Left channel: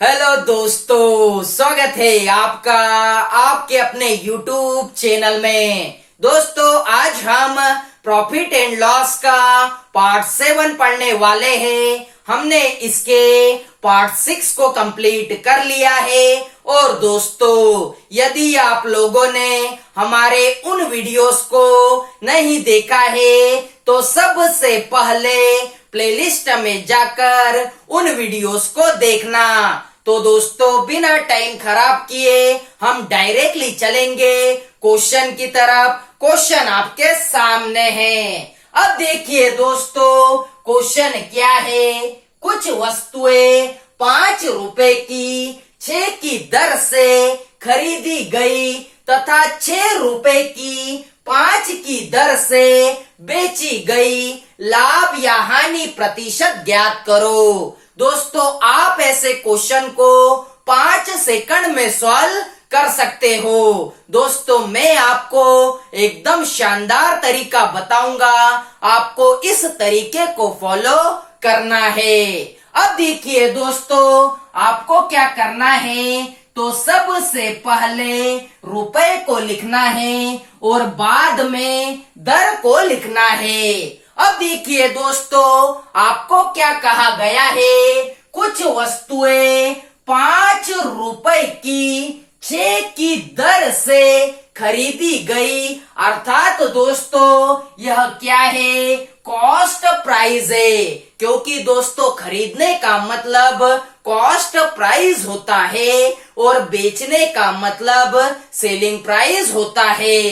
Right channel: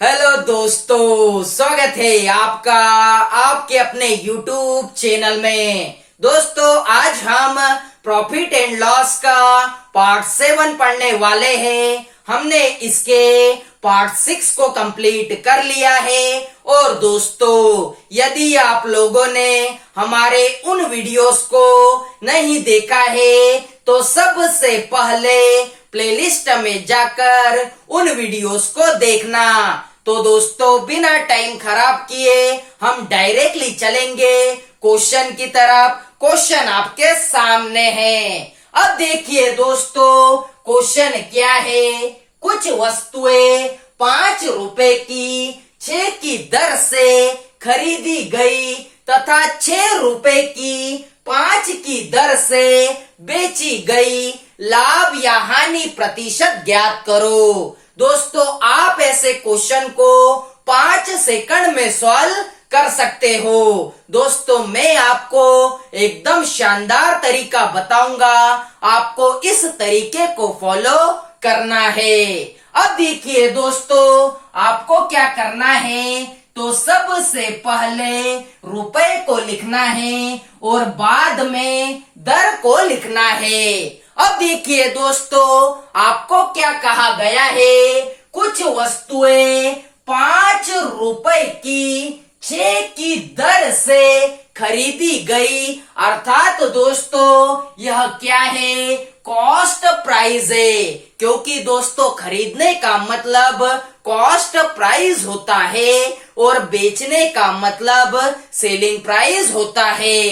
Hello दोस्तों, स्वागत है आपका आपके अपने YouTube चैनल में। दोस्तों, आज हम प्रॉफिट एंड लॉस का पार्ट 7 पढ़ने वाले हैं। हमने इसके पार्ट 6 को कंप्लीट कर लिया है। और दोस्तों, यदि आप लोगों ने हमारे उन वीडियोस को नहीं देखा है तो सबसे पहले प्लेलिस्ट में जाकर उन वीडियोस को देखना। तो दोस्तों, बिना टाइम खराब किए हम डायरेक्टली चलेंगे क्वेश्चन की तरफ। क्वेश्चन आपके सामने है। अब देखिए दोस्तों, क्वेश्चन क्या है। कुछ वस्तुएं 5 रुपए की 6 की दर से खरीदी गई तथा 6 रुपए की 5 की दर से बेची गई। लाभ या हानि प्रतिशत ज्ञात करो। दोस्तों, आप ऐसे क्वेश्चन को 5 सेकंड में सॉल्व कर सकते हो। दोस्तों, मैं आपको एकदम शानदार तरीका बताऊंगा, आपको इस तरीके को फॉलो करना है। अब देखिए दोस्तों, आपको क्या करना है। तो सबसे पहले रुपए को लिखना है और बाद में दर को लिखना है। अब देखिए दोस्तों, आपको क्या कहा गया है। कुछ वस्तुएं 5 रुपए की 6 की दर से खरीदी गई। अर्थात दोस्तों, यह क्या है, कॉस्ट प्राइस है। क्योंकि दोस्तों, खरीदने का मतलब कॉस्ट प्राइस होता है और बेचने का मतलब सेलिंग प्राइस होता है।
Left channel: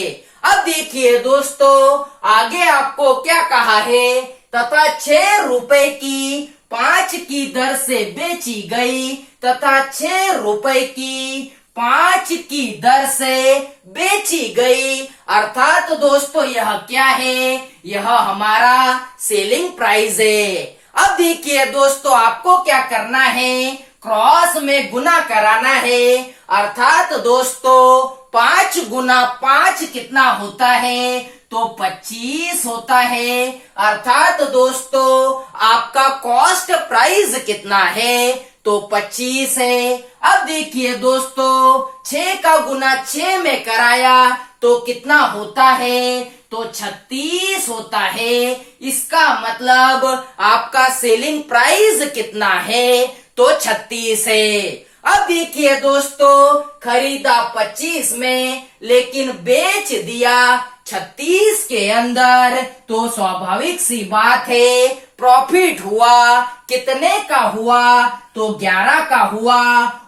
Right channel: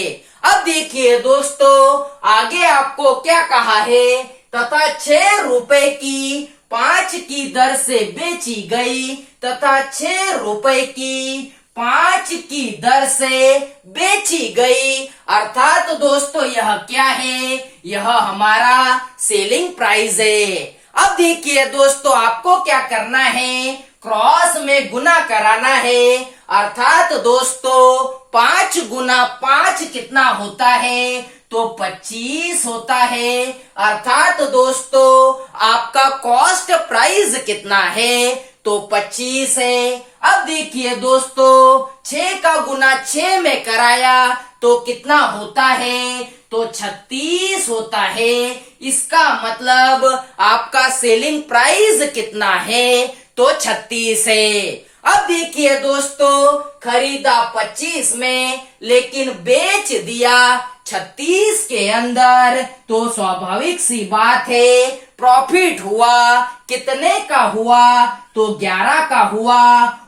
अब देखिए दोस्तों, आगे आपको क्या कहा है। तथा 6 रुपए की 5 की दर से बेची गई तथा 6 रुपए की 5 की दर से बेची गई। अर्थात दोस्तों, यह क्या है, यह हमारा सेलिंग प्राइस है। अब देखिए दोस्तों, आपको क्या करना है, क्रॉस में गुना कराना है। अर्थात दोस्तों, 5 गुना 5 कितना होता है, तो 25 होता है। अर्थात दोस्तों, आपका कॉस्ट प्राइस कितना है, तो 25 है। अब देखिए दोस्तों, 6 का गुना 6 में कराया तो कितना होता है, तो 36 होता है। इसका मतलब आपका सेलिंग प्राइस कितना है, तो 36 है। अब देखिए दोस्तों, खरीदा 25 में लेकिन बेच दिया 36 के अंदर, तो स्वाभाविक सी बात है, प्रॉफिट हुआ कितने का हुआ, तो 11 का हुआ।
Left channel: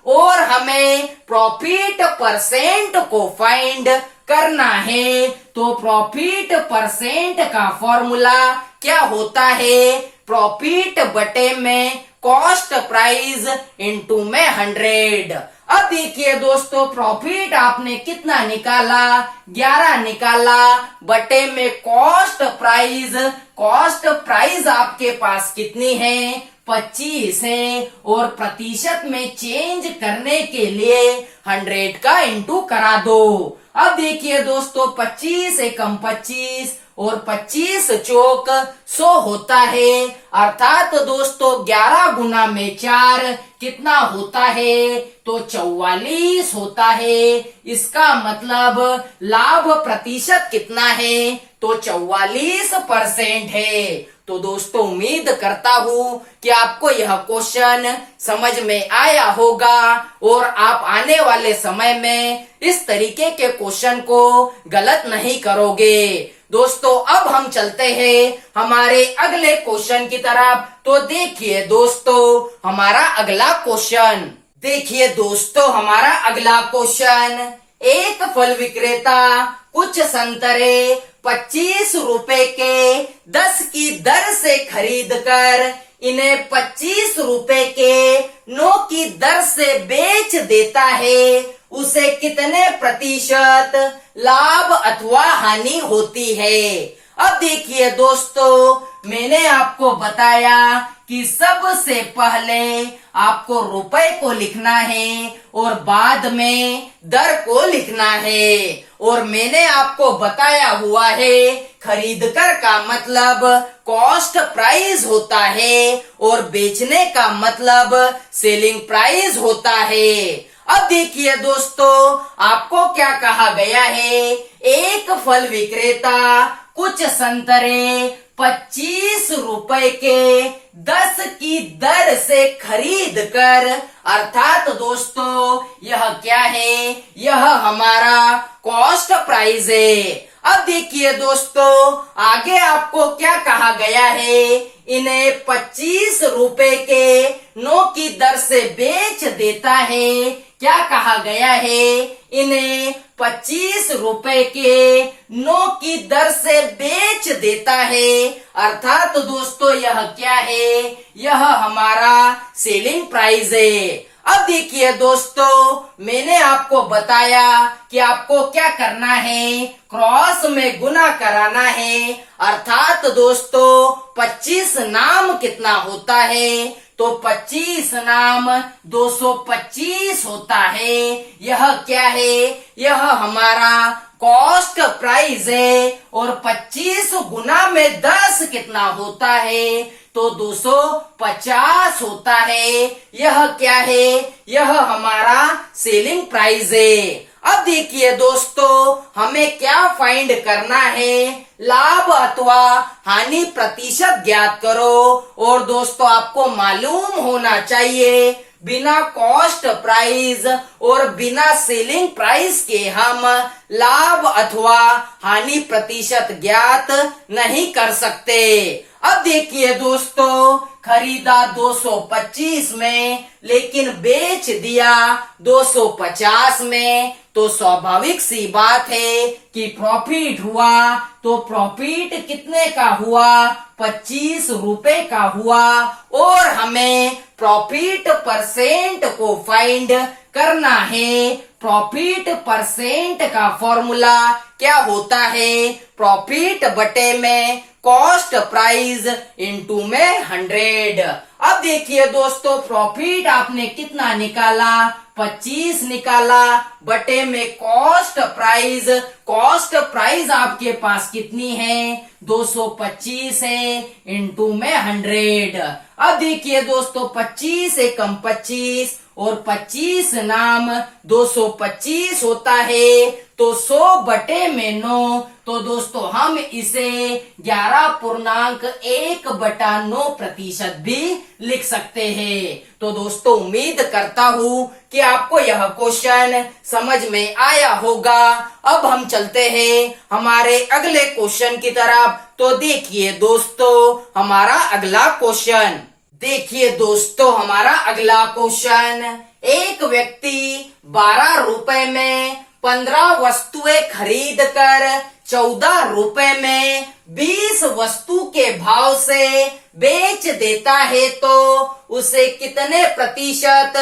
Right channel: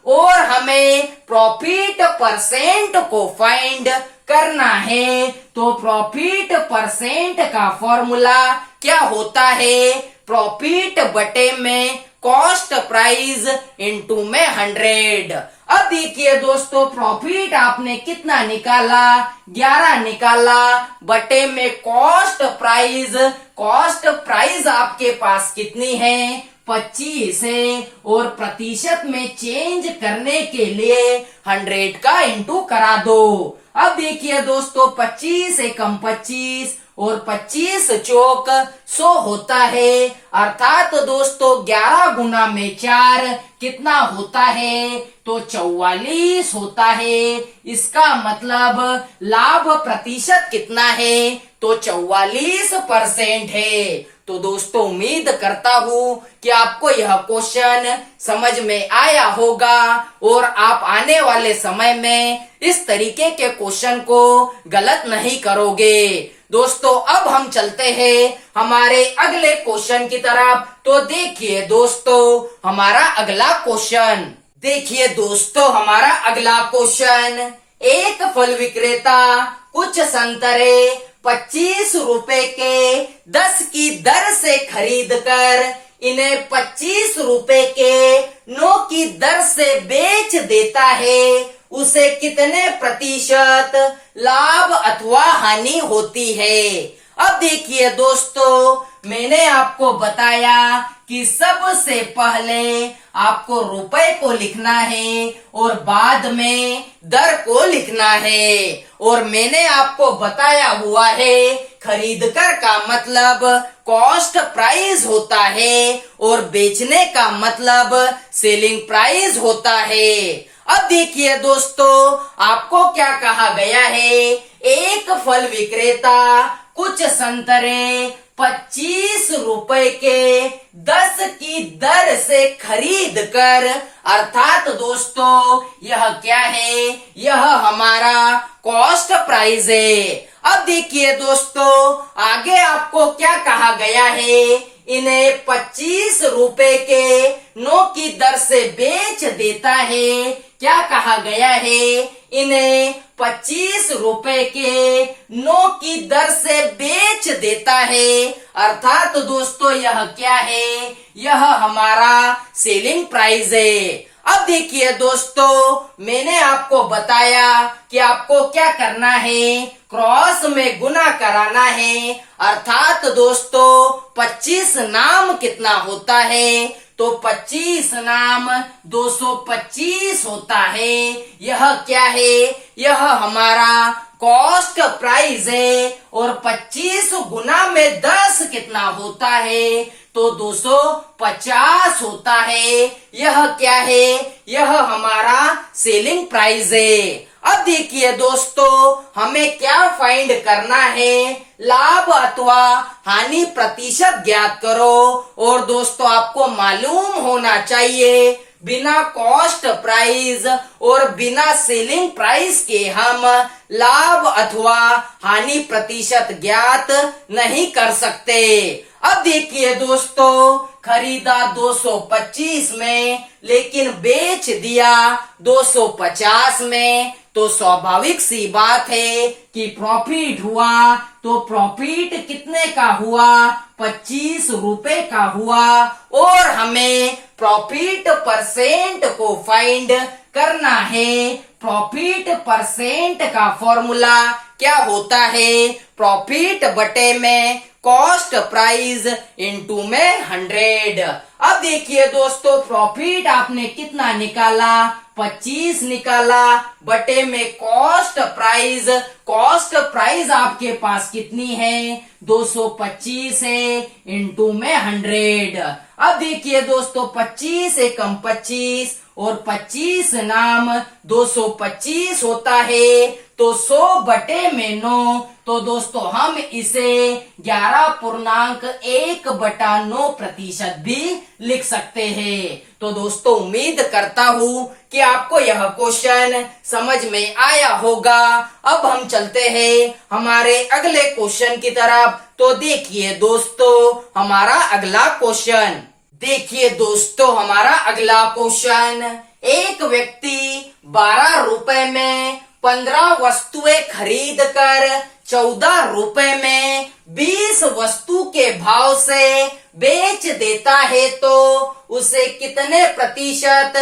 और हमें प्रॉफिट परसेंट को फाइंड करना है। तो प्रॉफिट परसेंट का फॉर्मूला क्या होता है, प्रॉफिट बटे में कॉस्ट प्राइस इंटू में 100। अब देखिए दोस्तों, प्रॉफिट आपने कितना निकाला, 11 निकाला, बटे में कॉस्ट प्राइस। कॉस्ट प्राइस आपके पास कितनी है, 25 है। और प्रतिशत में चेंज करने के लिए 100 का इंटू करा दो। अब देखिए दोस्तों, 25 एकम 25 और 25 चौक 100 होता है। अर्थात दोस्तों, 11 गुना में 4 कितना होता है, तो 44 होता है। इसका मतलब लाभ प्रतिशत कितना है, तो 44% है। तो दोस्तों, उम्मीद करता हूँ कि आपको यह क्वेश्चन समझ में आया होगा और आप आने वाले समय में इस तरीके के क्वेश्चन को गलत नहीं करोगे। दोस्तों, अब हम चलते हैं हमारे अगले क्वेश्चन की तरफ। तो देखिए दोस्तों, हमारा अगला क्वेश्चन। देखिए दोस्तों, हमारा अगला क्वेश्चन। एक फल विक्रेता कुछ संतरे 25 रुपए के 10 की दर से खरीद कर इन्हें 25 रुपए के 9 की दर से बेच देता है। उसे कितने प्रतिशत लाभ अथवा हानि होती है। अब देखिए दोस्तों, मैंने आपको बताया कि सबसे पहले आपको रुपए को लिखना है और बाद में दर को लिखना है। और मैंने आपको बताया हुआ है खरीदकर का मतलब कॉस्ट प्राइस होता है और बेचने का मतलब सेलिंग प्राइस होता है। अब देखिए दोस्तों, आपको क्या कहा गया है, एक फल विक्रेता कुछ संतरे 25 रुपए के 10 की दर से खरीद कर, अर्थात दोस्तों यह क्या है, यह हमारा कॉस्ट प्राइस है। अब देखिए दोस्तों, आगे आपको क्या कहा गया है, इन्हें 25 रुपए के 9 की दर से बेच देता है। क्या कहा गया है, इन्हें 25 रुपए के 9 की दर से बेच देता है, अर्थात दोस्तों यह क्या है, यह हमारा सेलिंग प्राइस है। अब देखिए दोस्तों, मैंने आपको बताया कि आपको क्या करना है, क्रॉस में गुना कराना है, अर्थात दोस्तों 25 नाम कितना होता है, तो 25 नाम 225 होता है। यह क्या है, यह हमारा कॉस्ट प्राइस है। और 25 गुना में 10 कितना होता है, तो 250 होता है। यह क्या है, यह हमारा सेलिंग प्राइस है। अब देखिए दोस्तों, हमें क्या फाइंड करना है, लाभ अथवा हानि प्रतिशत ज्ञात करो। और दोस्तों आपको मालूम होना चाहिए, बिना कॉस्ट प्राइस और बिना सेलिंग प्राइस के हम लाभ अथवा हानि प्रतिशत ज्ञात नहीं कर सकते। अब देखिए दोस्तों, खरीदा 225 में लेकिन बेच दिया 250 में, तो स्वाभाविक सी बात है कि प्रॉफिट हुआ। तो प्रॉफिट कितने का हुआ, 25 रुपए का हुआ। और हमें प्रॉफिट परसेंट को फाइंड करना है। प्रॉफिट परसेंट का फॉर्मूला क्या होता है, प्रॉफिट बटे में कॉस्ट प्राइस इंटू में 100। अब देखिए दोस्तों, प्रॉफिट आपने कितना निकाला, 25 निकाला, बटे में कॉस्ट प्राइस। कॉस्ट प्राइस आपके पास कितनी है, 225 है, इंटू में 100। अब देखिए दोस्तों, 25 एकम 25 और 25 नाम 225 होता है, तो 100 बटे में 9। तो दोस्तों हम इसे 11.1/9% भी लिख सकते हैं। तो दोस्तों उम्मीद करता हूँ कि आपको यह क्वेश्चन समझ में आया होगा। अब हम चलते हैं हमारे अगले क्वेश्चन की तरफ। तो देखिए दोस्तों, हमारा अगला क्वेश्चन, देखिए दोस्तों हमारा अगला क्वेश्चन, एक व्यक्ति 12 रुपए में 15 वस्तुएं खरीद कर 14 रुपए में 20 वस्तु के भाव से बेच देता है, तो उसे कितने प्रतिशत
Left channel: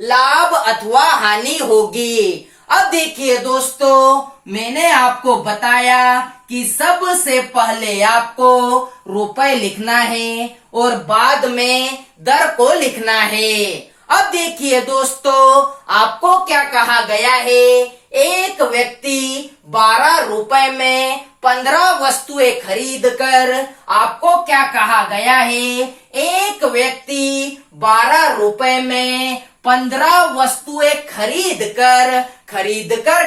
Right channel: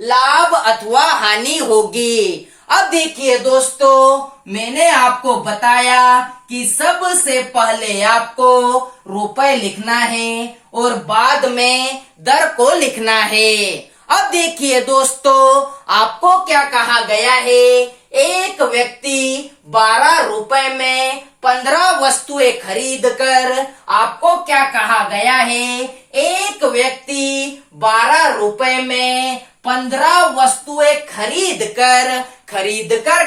लाभ अथवा हानि होगी। अब देखिए दोस्तों, मैंने आपको बताया कि सबसे पहले आपको रुपए लिखना है और बाद में दर को लिखना है। अब देखिए दोस्तों, आपको क्या कहा गया है, एक व्यक्ति 12 रुपए में 15 वस्तुएं खरीद कर, आपको क्या कहा गया है, एक व्यक्ति 12 रुपए में 15 वस्तुएं खरीद कर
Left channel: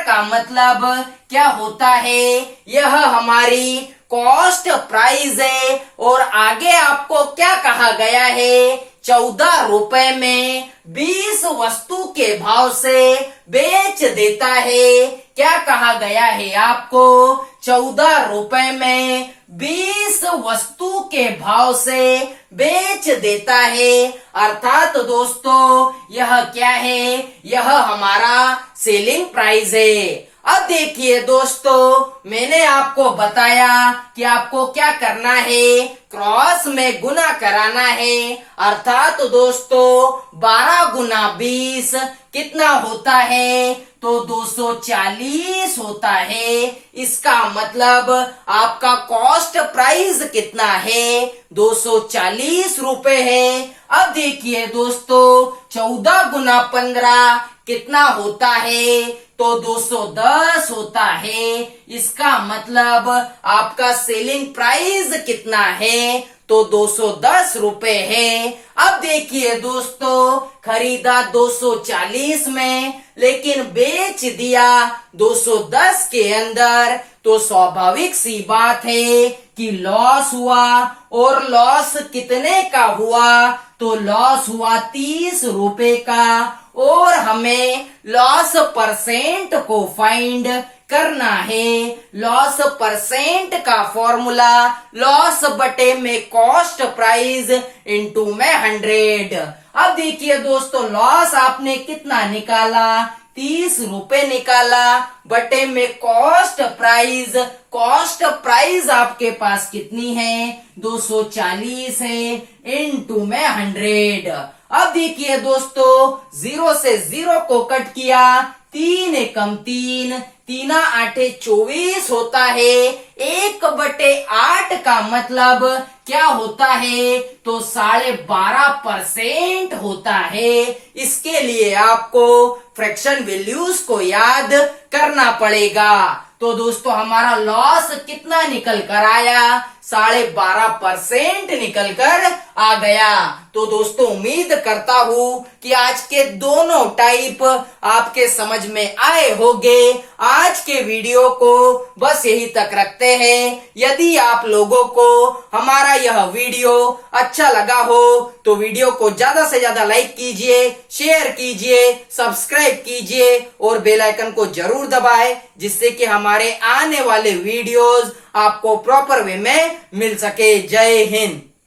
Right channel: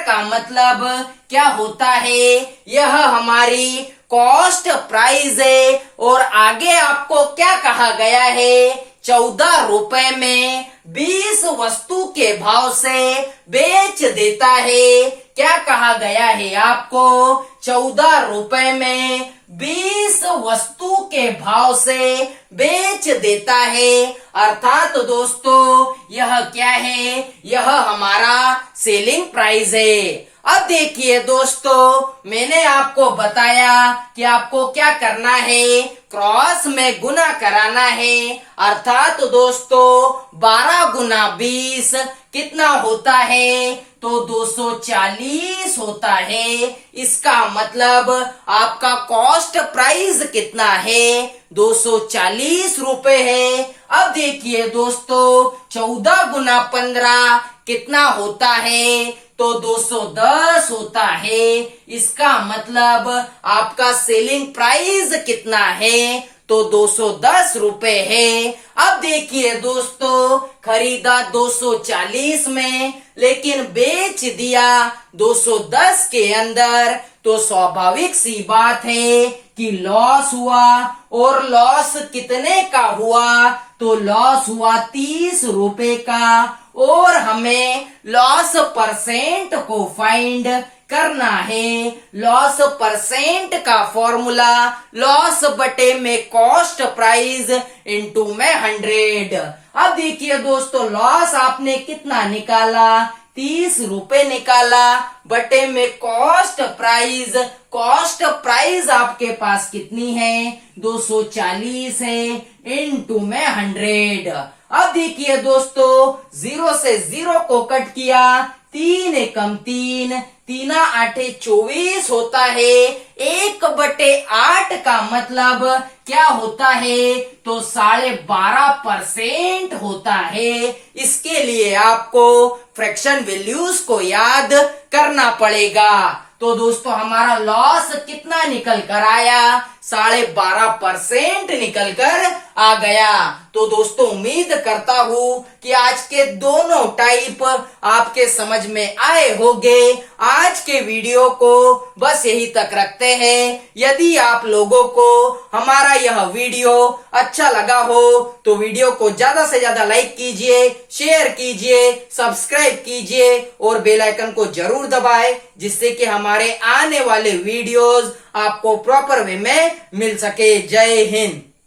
का मतलब क्या होता है, यह हमारी कॉस्ट प्राइस है। और आगे आपको क्या कहा गया है, 14 रुपए में 20 वस्तु के भाव से बेच देता है। क्या कहा गया है आपको, 14 रुपए में 20 वस्तु के भाव से बेच देता है, अर्थात दोस्तों यह क्या है, यह हमारा सेलिंग प्राइस है। अब देखिए दोस्तों, मैंने आपको बताया कि आपको क्या करना है, क्रॉस में गुना कराना है, अर्थात दोस्तों 12 गुना 20 कितना होता है, तो 240 होता है। इसका मतलब आपका कॉस्ट प्राइस कितना है, 240 रुपए है। अब देखिए दोस्तों, 14 गुना 15 कितना होता है? तो 210 होता है। इसका मतलब आपका सेलिंग प्राइस कितना है? तो 210 रुपए है। अब देखिए दोस्तों, खरीदा 240 में लेकिन बेच दिया 210 के अंदर, तो स्वाभाविक सी बात है कि लॉस हुआ। और लॉस कितने का हुआ? तो लॉस हुआ 30 रुपए का। और हमें लॉस परसेंट को फाइंड करना है। लॉस परसेंट का फॉर्मूला लॉस बटे में कॉस्ट प्राइस इनटू में 100। अब देखिए दोस्तों, लॉस आपने कितना निकाला? 30 रुपए निकाला बटे में कॉस्ट प्राइस। कॉस्ट प्राइस आपके पास कितनी है? 240 है इनटू में 100। अब देखिए दोस्तों, 0 से 0 को कट किया, 3 एकम 3, 3 आठे 24 होता है। 1/8 का मतलब क्या होता है? तो 12.5% होता है। इसके लिए आपको फ्रैक्शन वैल्यूज को याद करना पड़ेगा। तो दोस्तों, हमारा लॉस कितना निकल कर आया? 12.5% निकल कर आ गया। तो दोस्तों, उम्मीद करता हूँ कि आज के दोनों टाइप आपके समझ में आए होंगे। आज के वीडियो को बस यही तक रखते हैं। यदि आप लोगों को हमारा यह वीडियो अच्छा लगा हो तो वीडियो को ज्यादा से ज्यादा लाइक कीजिए, शेयर कीजिए, सब्सक्राइब कीजिए और बेल आइकन को जरूर दबाएं, जिससे कि हमारे आने वाले वीडियोस आपको प्रॉपर वे में मिल सके। जय हिंद।